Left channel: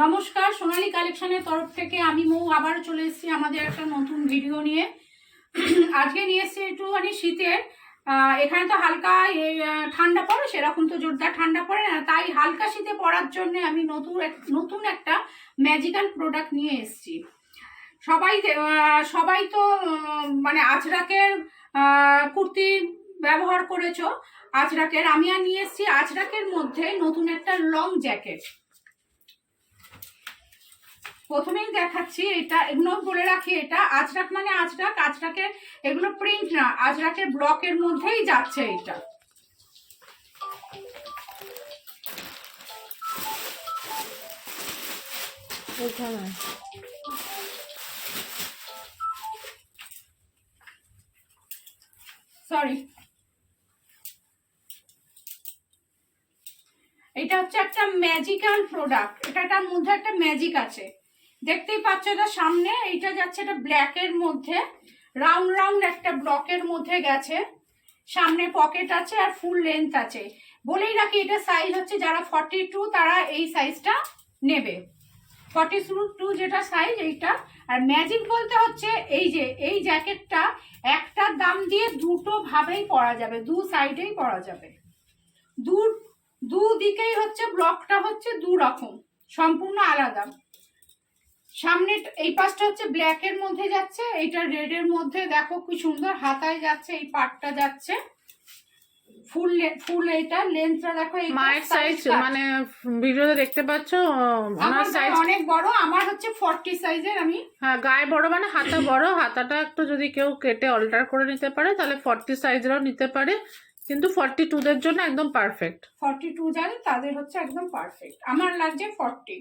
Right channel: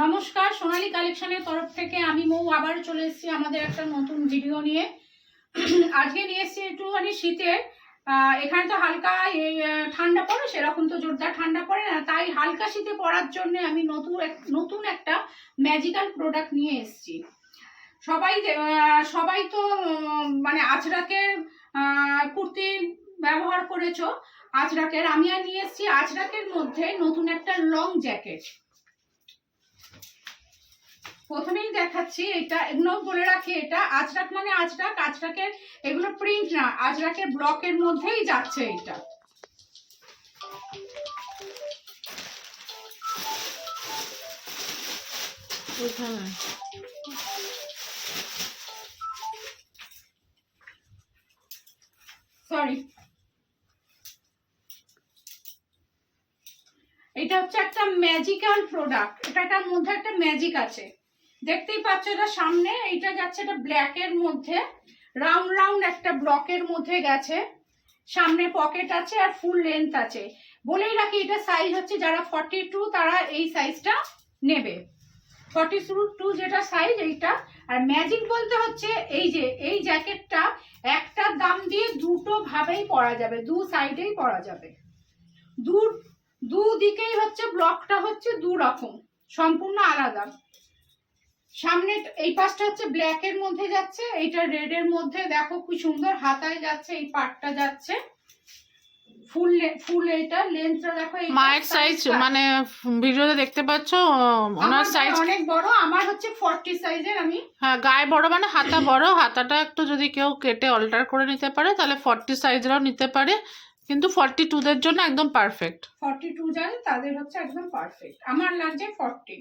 নমস্কার, সোনালী কালেকশনের তরফ থেকে আমি মৌ আবার চলে এসেছি আমাদের একটা নতুন ভিডিও নিয়ে। আজকে নিয়ে এসেছি একটুখানি শীতের। এখানে তো হালকা ঠান্ডা পড়ে, সেরকম তো জোরদার ঠান্ডা পড়ে না। তাই হালকা শীতে পড়ার জন্য আমি নতুন নতুন একটা ম্যাজিক্যাল প্রোডাক্ট নিয়ে এসেছি। সবাই সবাই তো মানে আজরাকের কুর্তি ব্যবহার করেছ, আজরাকের। আমি আর নিয়ে এসেছি আজরাকের মধ্যে নতুন একটা লং জ্যাকেট প্রথমেই দেখাচ্ছি এটা এগুলো বলে রাখি এটা। আজরাক মানে আজরাক আজরাকের এগুলো প্রিন্ট না আজরাকের ব্লকের মধ্যেই যাচ্ছে এটা। সরি এটা হচ্ছে একটা ম্যাজিক্যাল প্রোডাক্ট এটাটার মধ্যে একটা ম্যাজিক আছে। দেখতেই পাচ্ছ এটা সামনে, এইটা যাচ্ছে এটা ব্ল্যাকের মধ্যে রাউন্ড রাউন্ড একটা ব্লকের মধ্যে গেছে। সামনে পকেট আছে আর ফুল লেন্থ আছে। বলেই রাখি, এটা সাইজ হচ্ছে যারা ফর্টি টু তারা এই সাইজটা নেবে। ফর্টি টু যেটা সাইজ এইটা। আর ম্যাজিক বলতে হচ্ছে এই যে, এই জ্যাকেটটা একটা দাম দিয়ে দুটো ভাবেই পরা যাবে, দু সাইডেই পরা যাবে। দু দুদিকেই হচ্ছে ব্লকটা হচ্ছে দু রকম, সম্পূর্ণ আলাদা। সামনে এই পাশটা হচ্ছে ব্ল্যাক এর মধ্যে যাচ্ছে এইটা রেড এর মধ্যে। দেখো কি সুন্দর হাতায় যাচ্ছে এই পাটটা যাচ্ছে। ফুল ফুল এইটা লেন্থটা দেখো মায়ের সাইজ। মানে ভিডিওতে দেখতে পাচ্ছ ওনার সাইজ অনেক বড় আমার হচ্ছে ফর্টি সাইজের আমি হ্যাঁ গায়ে বড় মানে হাতা বড়। হাতাটা একটু যদি কেউ কেটে অল্টার করে নিতে পারে তাহলে ফর্টি সাইজেরও নিতে পারে। কিন্তু ফর্টি টুদের জন্য একদম পারফেক্ট ফর্টি টু যাদের তাদের হচ্ছে একদম পারফেক্ট আমার লাগছে ফর্টি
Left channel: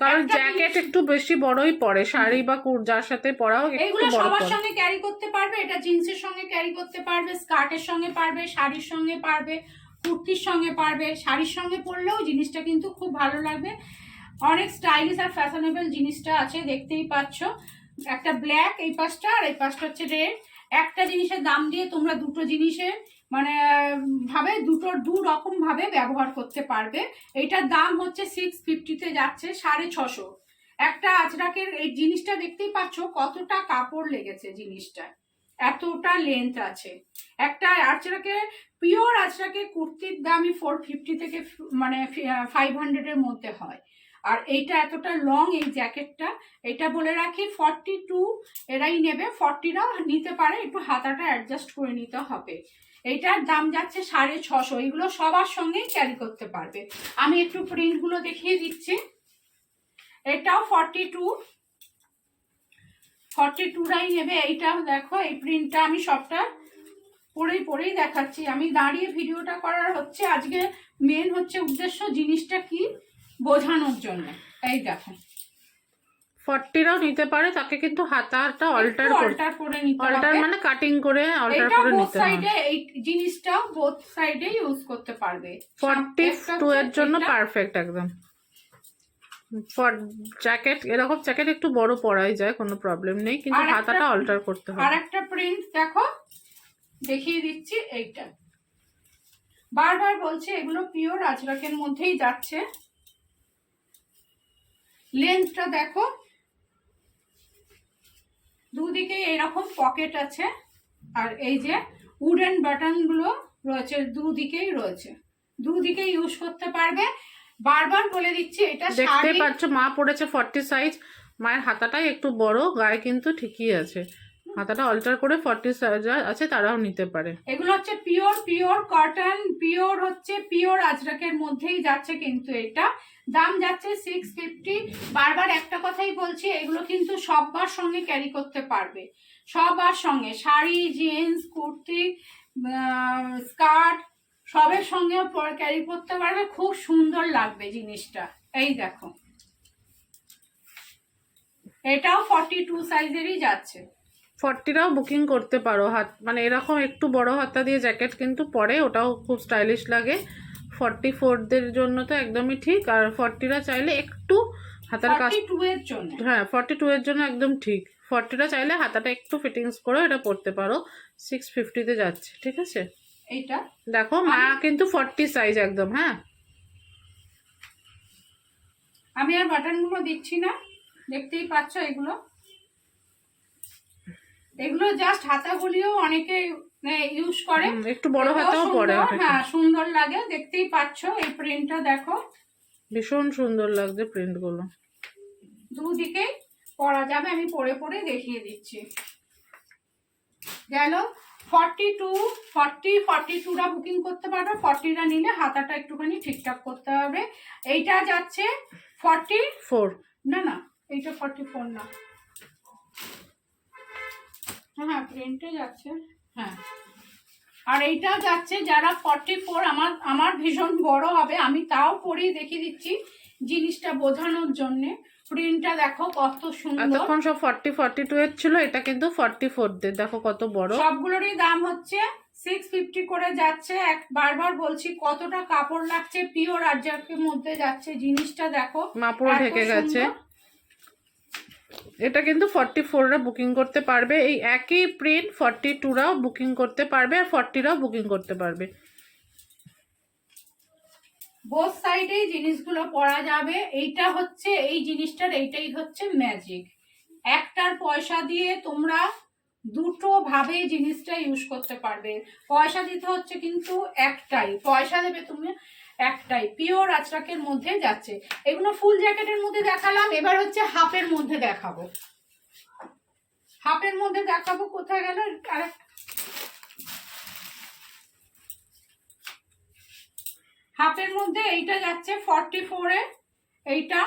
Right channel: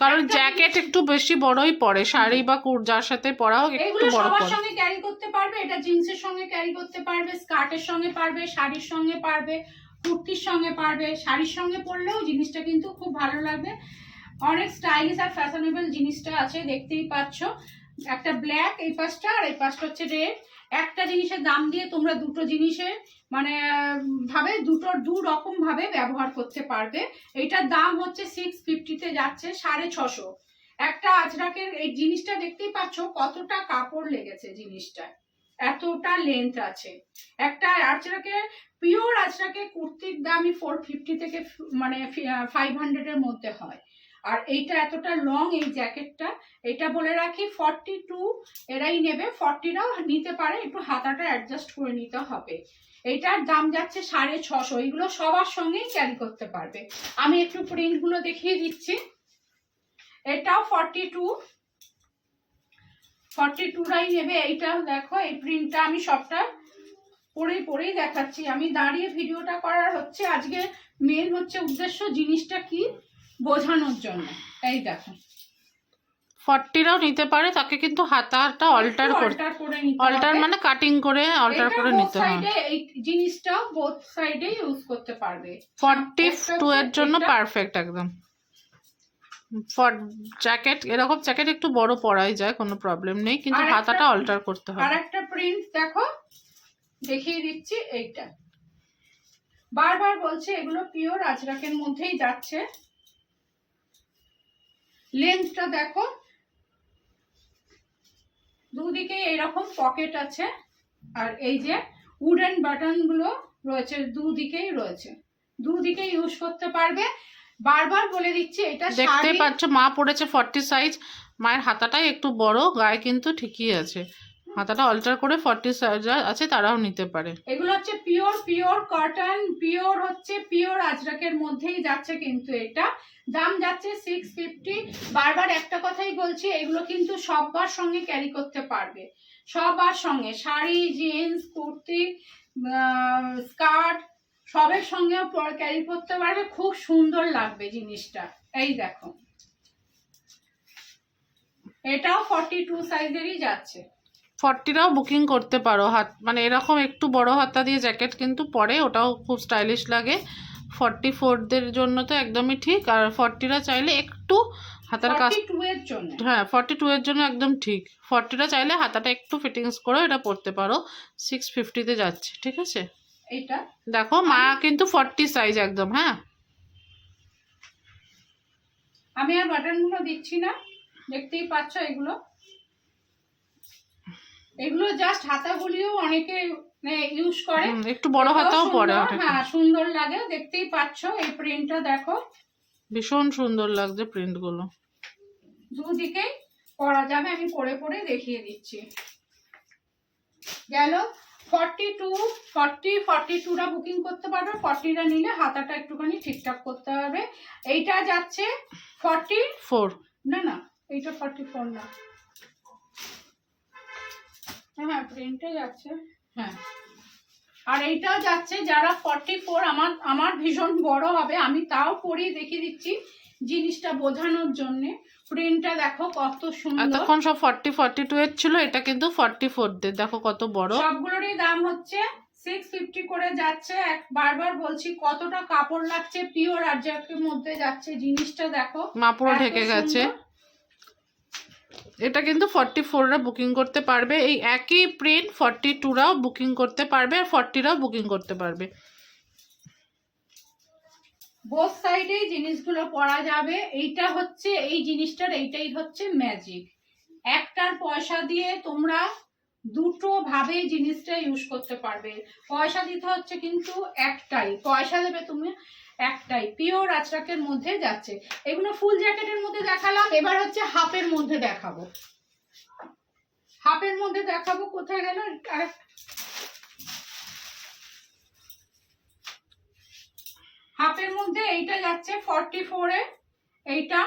কারণ জ্যাকেট একটু বেশি বড়ই পড়ে শাড়ি বা কুর যার সাথে পরা হোক একটু বড় পড়ে সঙ্গে ক্যারি করতে পারবে এটা জিন্সের সঙ্গে ক্যারি করতে পারবে স্কার্টের সঙ্গে পারবে শাড়ির সঙ্গে পারবে কুর্তির সঙ্গে পারবে শাড়ির সঙ্গে পরলেও জিনিসটা কিন্তু খুব ভালো লাগবে। অনেক স্টাইলিশ আর ফ্যাশনেবল জিনিসটা আছে দেখতেই পাচ্ছ। একটা ব্ল্যাক এই পাশটা আর এই পাশটা হচ্ছে রেড একটা জিনিসের দাম দিয়ে তোমরা দুটো জিনিসের মানে ভাবে দুটো দু রকম ভাবে ব্যবহার করতে পারবে। এইটার দাম হচ্ছে সিক্স ফিফটিতে যাচ্ছে সাড়ে ছশো। একটা আজরাকের এই জিনিসটা দেখতেই পাচ্ছ, কতটা কাপড় লেগেছে জিনিসটায় এতটা লেন্থ আছে। একটা আজরাকের পিওর আজরাকে কুর্তির দামই ফোর ফিফটি থেকে মানে ফাইভ হান্ড্রেডের মধ্যে হয়। আর এইটা এতটা লং এই জ্যাকেটটা এটা বলে রাখি ফর্টি টু এরাই নেবে। ফর্টিরাও নিতে পারে, একটু হাতাটা অ্যাডজাস্ট করে নিতে হবে। এইটার দাম যাচ্ছে সাড়ে ছশো। এগুলো সবার সঙ্গেই ক্যারি করতে পারবে। আমি একটু প্রিন্টগুলো দেখিয়ে দিচ্ছি। এটাও ফর্টি টু ফর্টি টুরাই নেবে। এইটাও দেখো, এই প্রিন্টটা আমি সবটা পরেই পরেই দেখাচ্ছি। আমি দাঁড়িয়ে ভিডিওটা করার হচ্ছে। আজকে মেন হচ্ছে উদ্দেশ্য জিনিসটা কি? বোঝানোর জন্য। এই দেখো। ফর্টিরাও নিতে পারে তাকে কিন্তু হাতাটা অল্টার করে অল্টার মানে কাটিং করে অল্টার করে নিতে side এ এই জিনিসটাও বোথ সাইডে ইউজ করতে পারবে। ফর্টি টু এর জন্য পারফেক্ট একদম। ফর জ্যাকেট এরকম জ্যাকেট একটু বড় পরাই যায় কোনো প্রবলেম নেই কিন্তু হাতাটা অল্টার করতে আর হবে। একটা প্রিন্ট দেখো দেখিয়ে দিচ্ছি এইটা। বারবার বলছে এগুলো পিওর আজরাকের মধ্যেই যাচ্ছে। লেন্থটা দেখো। দুদিকে এরকম পকেট আছে আর এই যে উডেন বাটনগুলো রয়েছে দুদিকেই রয়েছে। দুদিকে ইউজ করতে পারবে। বারবার বলে দিচ্ছি এটা দেখতে পাচ্ছ মা পড়েছে ফর্টি সাইজ মায়ের হাতাটাই একটু বড় গায়ে কিন্তু ঠিকই আছে। হাতাটা অল্টার করে ফর্টি সাইজ আছে তারাও নিতে পারে। এগুলো হচ্ছে পিওর পিওর কটন পিওর হচ্ছে পিওর আজরাকের মধ্যেই যাচ্ছে কিন্তু এটা। দাম যাচ্ছে সিক্স ফিফটি বারবার একটা কথাই বলছি, এগুলো কিন্তু সবার সঙ্গে ক্যারি করতে পারবে। সবার সঙ্গে। শাড়ি জিন্স কুর্তি স্কার্ট সবের সঙ্গেও ক্যারি করতে পারবে। খুব সুন্দর লাগবে জিনিসটা। এই দেখো। এটাও ফর্টি টু সাইজেরই যাচ্ছে। ফর্টিরাও বুকিং করতে পারো। হাত মানে এরকম একটু বড় হাতা দিয়ে জ্যাকেট কিন্তু পরে ওটাও খুব স্টাইলিশ লাগে। ফর্টি ফোরদের জন্য তো একদমই ঠিক আর ফর্টিরা চাইলে একটু হাতার কাজ হ্যাঁ ফর্টি টু এর জন্য একদম ঠিক। ফর্টিটা চাইলে হাতাটা একটু ফিটিংস করে এটা পরতে পারো। সিক্স ফিফটিতে যাচ্ছে ঠিক আছে? এইটা? দেখো মা কিন্তু ফর্টি সাইজ একদম হ্যাঁ? আমি আর বাটনগুলো দিচ্ছি না দেখতেই পাচ্ছ এগুলো? এগুলো জাস্ট হাতাগুলিও অনেকে ইউজ করে। একটু বড় হাতাও পরে হ্যাঁ সুন্দর লাগে দেখতেই পাচ্ছ এই প্রিন্টটা দেখো। ভীষণ সুন্দর লাগছে প্রিন্টগুলো দুদিকে পরা যাবে আমি পরে পরে দেখিয়ে দিচ্ছি। গেল ফর্টি টু ফর্টি ফর্টি টুরা বুকিং করতে পারবে ফর্টিটা নিলে হাতাটা একটুখানি ঠিকঠাক করতে হবে। এইটা যাচ্ছে ফর্টি ফোর না না এইটা ফর্টি ফোর না। হ্যাঁ হ্যাঁ প্রিন্টে যাচ্ছে। হ্যাঁ। আর এইটাও যাচ্ছে যারা ফর্টি ফোর আমার আমার ভীষণ বড় হবে আমি তাও পরিয়ে দেখিয়ে দিচ্ছি জিনিসটা বোঝানোর জন্য। প্রিন্টটা দেখো কত সুন্দর। এতক্ষণ সব ফর্টি ফর্টি টু এর ছিল এটা কিন্তু ফর্টি ফোর দের। দেখো কত বড়। সবগুলোরই দাম হচ্ছে সিক্স ফিফটি করে যাচ্ছে। এক বারবার বলছি কতটা কাপড় লাগছে পিওর আর্জাকের মধ্যে যাচ্ছে জিনিসটা দেখো। মা পুরো ঢেকে গেছে। এটা কিন্তু ফর্টি ফোররা বুকিং করতে পারবে। এই একই প্রিন্ট ফর্টি টুরাও বুকিং করতে পারবে আর ফর্টিরাও বুকিং করতে পারবে। বোথ সাইডে জিনিসগুলো পরা যাবে। এইটা হচ্ছে, এই জিনিসটার এইটাই হচ্ছে ম্যাজিক একটার পয়সা দিয়ে তোমরা দুটো ভাবে জিনিসটা ইউজ করতে পারবে। পয়সা দিতে হচ্ছে কিন্তু একটাই। পয়সা দেবে তুমি একটাই। পিওর আচরাকের মধ্যে যাচ্ছে। এগুলো ফুল জ্যাকেটের মধ্যে দেখালাম। এবার হচ্ছে হাফের মধ্যে দেখাবো। হাফের মধ্যে দেখাবো, কোথায় গেল? আর হাফের মধ্যে এইটা যাচ্ছে ফর্টি ফোরে এইটা।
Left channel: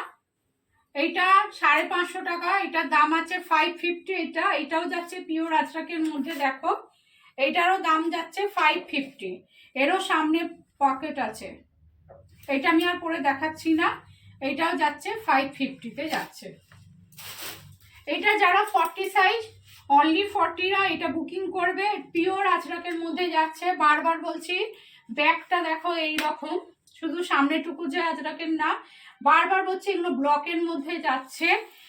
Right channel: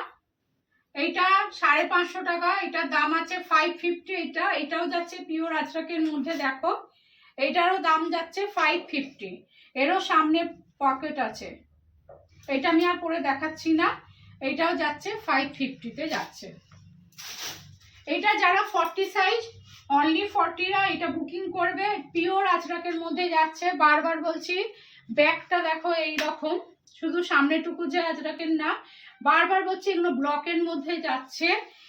এইটা সাড়ে পাঁচশো টাকা। এটার দাম আছে ফাইভ ফিফটি এটা এটাও যাচ্ছে পিওর আজরাকের মধ্যে, দেখো। এটারও দাম যাচ্ছে ফাইভ ফিফটি এরও সামনে পকেট আছে। এটা আমি আর পরে দেখাচ্ছি না। এটাও যাচ্ছে ফাইভ ফিফটিতে যাচ্ছে। এটা যারা ফর্টি সাইজ অনলি ফর্টিরা এটা বুকিং করবে। পিওর আজরাকের মধ্যে যাচ্ছে। বারবার বলছি, ব্যাগটা দেখো এই রকম শুধু সামনেটুকু যে আজরাকের না, বারবার বলছি এগুলো ব্লকের মধ্যে যাচ্ছে।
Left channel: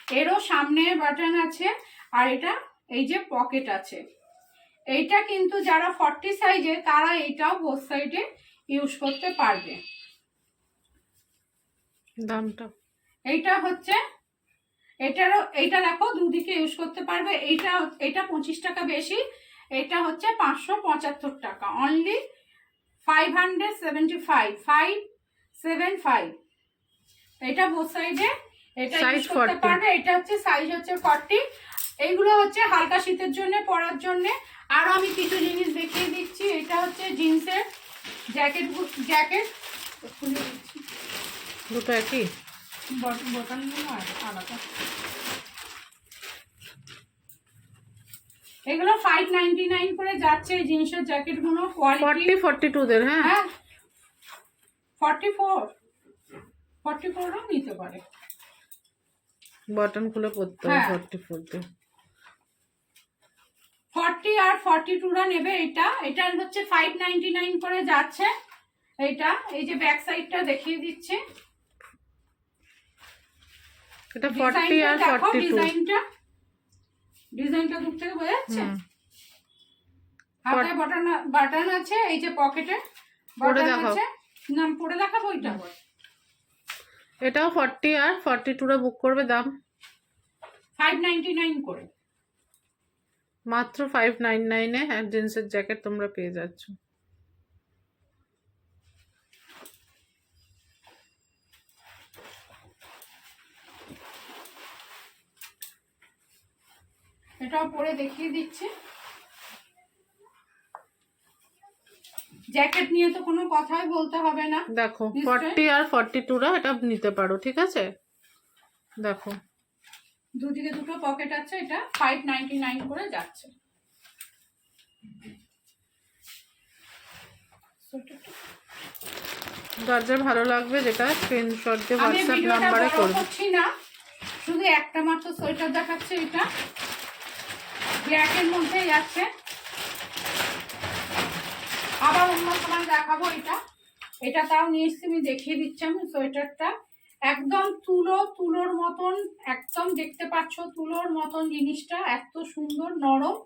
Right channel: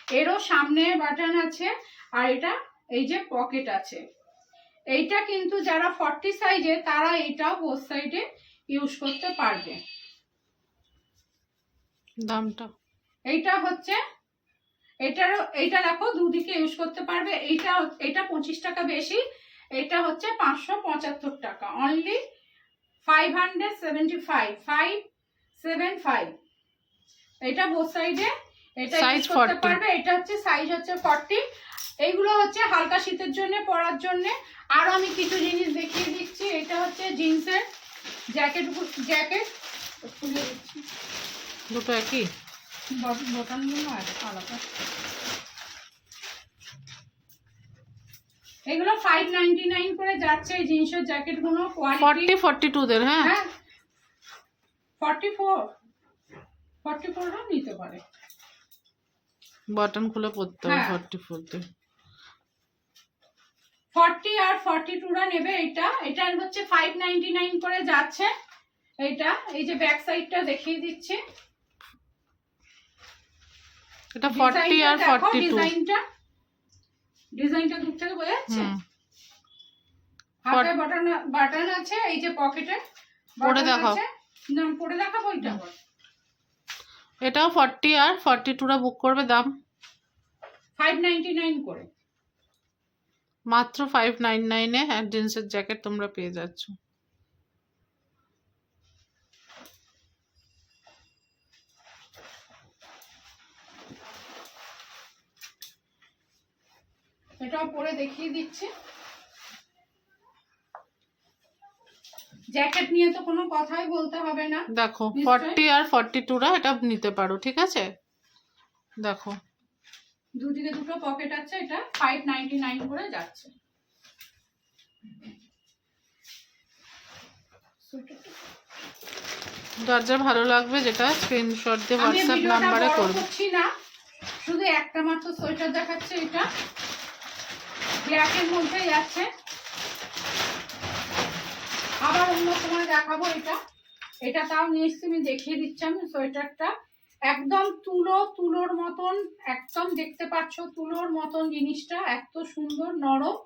এরও সামনে বাটন আছে, আর এটা এই যে পকেট আছে। এইটা কিন্তু যারা ফর্টি সাইজে তারা এটাও বোথ সাইডে ইউজ করতে পারবে। দামটা। এইটা হচ্ছে এটারও এইটা দেখো দুদিকে ইউজ করতে পারবে। এইটা এটা পঁচিশ টাকা বেশি এটা হচ্ছে পাঁচশো পঁচাত্তর টাকা। Only five hundred seventy five five seven five এটা বোথ সাইডে এটা ইউজ করতে পারবে। এটা হচ্ছে সাইজ হচ্ছে ফর্টি এইগুলো হচ্ছে হালকা শীতের জন্য পরার জন্য। আর আমি কিছু জিনিস দেখিয়ে দিচ্ছি। এটা হচ্ছে জিন্সের জ্যাকেট জ্যাকেট খুলে দিচ্ছি। দুটো একই? এগুলো ফাইভ নাইনটি নাইন করে যাচ্ছে এই জিনিসের জ্যাকেটগুলো ফর্টি ফর্টি টু দের হ্যাঁ। ফর্টি ফোর ফর্টি ফোরও নিতে পারে। বাটন খুলে পড়তে হবে। ফর্টি ফোর দের ফর্টি আর ফর্টি টুরা নেবে এটা। এটা হচ্ছে ফাইভ নাইনটি নাইন করে যাচ্ছে। এটা এই যে ব্যাক সাইডটা দেখিয়ে দিচ্ছে। এটা ফর্টি আর ফর্টি টু ডিজাইনটা ডিজাইনটা দূর থেকে বোঝা যাচ্ছে? হাতে বাটন বাটন আছে এই যে পকেটে পরে দেখাও। না পরে দেখাবো ওইটা। এটাও ফর্টি আর ফর্টি টুরা বুক করবে দাম? ফাইভ নাইনটি নাইন করে। মাত্র ফাইভ নাইন নাইনে আর জিন্সের জ্যাকেট তোমরা পেয়ে যাচ্ছ। এটাও পরে দেখিয়ে দিচ্ছে। জ্যাকেট নিয়ে তো কোনো কথাই বলতে হবে না। দেখো। ফর্টি আর ফর্টি টুরা এটা নিতে পারো ঠিক আছে? দেখো। দুদিকে দুটো পকেট আছে এটা ফাইভ নাইনটি নাইন করে যাচ্ছে। যার যার ভালো লাগবে যেটা স্ক্রিনশট দিয়ে হোয়াটসঅ্যাপ নাম্বারে করবে। না শুধু একটা মাত্র সোয়েটার দেখাচ্ছে এটা। ব্ল্যাকের মধ্যে যাচ্ছে আবার অন্য সময় দেখাবো এটা। এটা তাও নিয়ে এসছি আমি দেখিয়ে দিচ্ছি আমি সোয়েটারটা। একদম তুলো তুলোর মতন একদম দেখতে পাচ্ছ তুলোর মতন জিনিসটা এত সুন্দর নরম।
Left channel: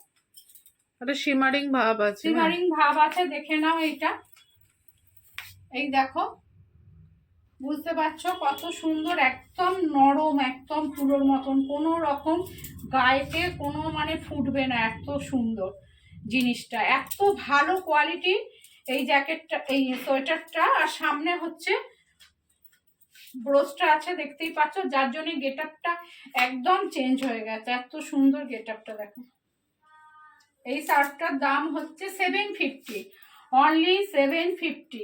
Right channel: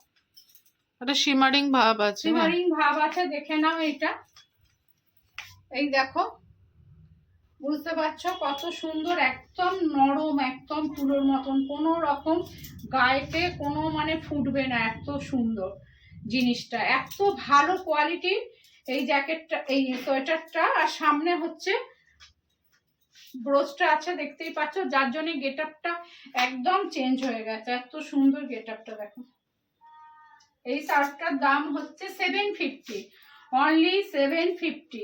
একটা শিমারিং ভাব আছে হ্যাঁ। সিমারিং ভাব আছে দেখে নাও এটা। এই দেখো বুঝতে পারছ? কত সুন্দর, একদম নরম, একদম তুলোর মতন। কোনো রকম গায়েতে কোনো মানে ফুটবে না, এত সুন্দর জিনিসটা। এত ভালো কোয়ালিটির এই জ্যাকেটটা এই সোয়েটারটা। আর সামনে হচ্ছে ব্রোচটা আছে, দেখতেই পাচ্ছ। যার জন্য গেট আপটা একদম চেঞ্জ হয়ে গেছে। এত সুন্দর গেট আপটা দেখো। এই শার্টটার দাম হচ্ছে seven fifty only seven fifty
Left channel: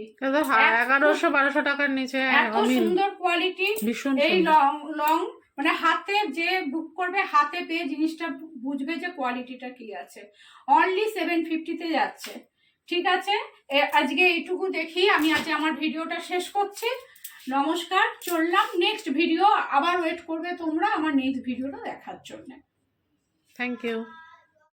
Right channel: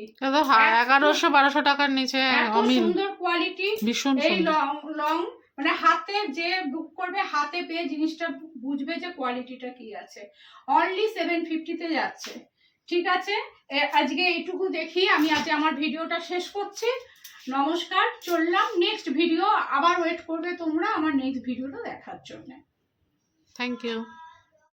এগারোশো বারোশো টাকার নিচে এত সুন্দর কোয়ালিটি ভীষণ এই লং লং মানে হাতে যে বুক করবে হাতে পেয়ে জিনিসটা বুঝবে যে কোয়ালিটিটা কি আছে। অনলি সেভেন ফিফটিতে যাচ্ছে। ঠিক আছে? আজকে এইটুকু দেখি আমি আজ আমার ভিডিওটা শেষ করছি। নমস্কার চললাম। নেক্সট ভিডিও আবার ওয়েট করবে তোমরা আমার নেক্সট ভিডিওটা দেখার জন্য। Thank you